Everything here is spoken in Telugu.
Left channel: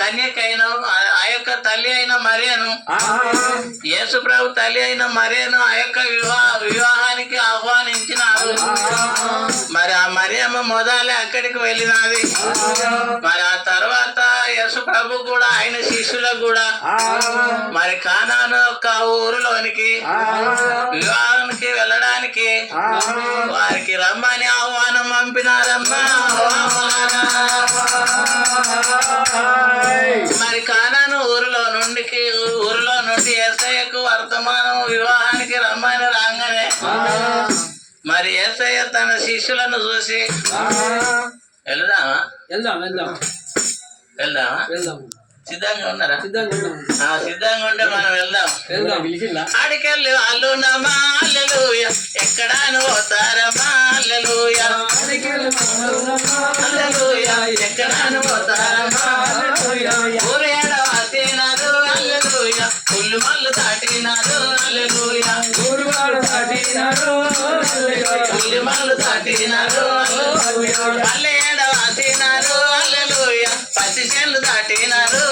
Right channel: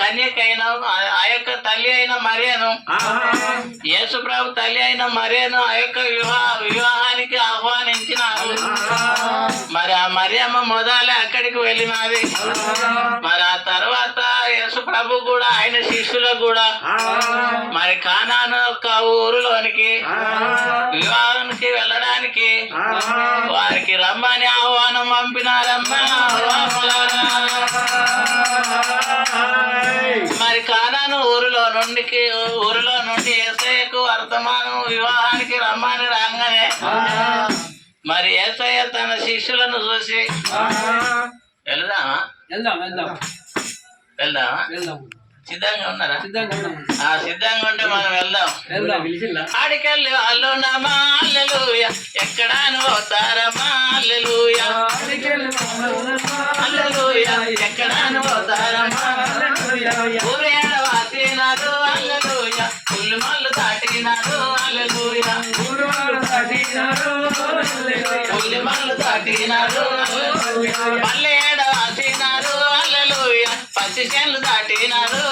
కన్యకైన ఆ యొక్క తల్లి అయిన మరియను, యేసు ప్రభు తల్లి అయిన మరియను ఆ యొక్క వివాహానికి ఆహ్వానించినారు. మరి ఆ మరియమ్మ మొదలే అక్కడికి వెళ్ళినది. మరి ఆ తర్వాత యేసు ప్రభు కూడా ఆయన శిష్యులకు కూడా మరి కానాను యొక్క ఊరిలోనికి వివాహానికి వెళ్ళడానికి వారికి రమ్మని ఆహ్వానం పంపినారమ్మా. మరి కానాను ఊరిలో నుండి యేసయ్యకు వర్తమానం వివాహానికి రమ్మని రాగానే మరి యేసయ్య తన శిష్యులను చూసి వెళ్దామా సిద్ధంగా ఉన్నారా? సిద్ధంగా ఉంటే మనం వెళ్దాం. ఆడికెళ్ళి వాళ్ళు నమ్మా హల్లెలూయా, ఎక్కడాను పోతారమ్మా హల్లెలూయా, హల్లెలూయా, ఎక్కడాను పోతారమ్మా ఊరు ఏడవాసినారు హల్లెలూయా, పుల్లు మల్లు దాటినారు హల్లెలూయా, పుల్లు మల్లు దాటినారు మళ్ళీ ఏడవాసినారు హల్లెలూయా, పచ్చి చేనులు దాటినారు